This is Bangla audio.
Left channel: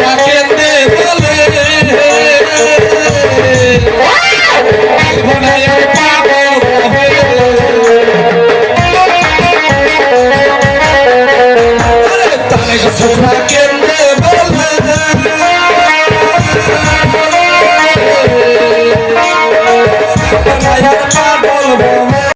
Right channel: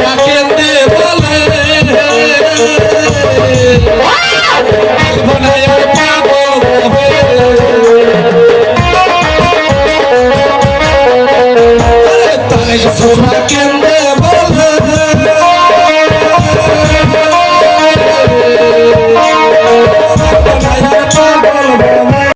ডাকেতে বলে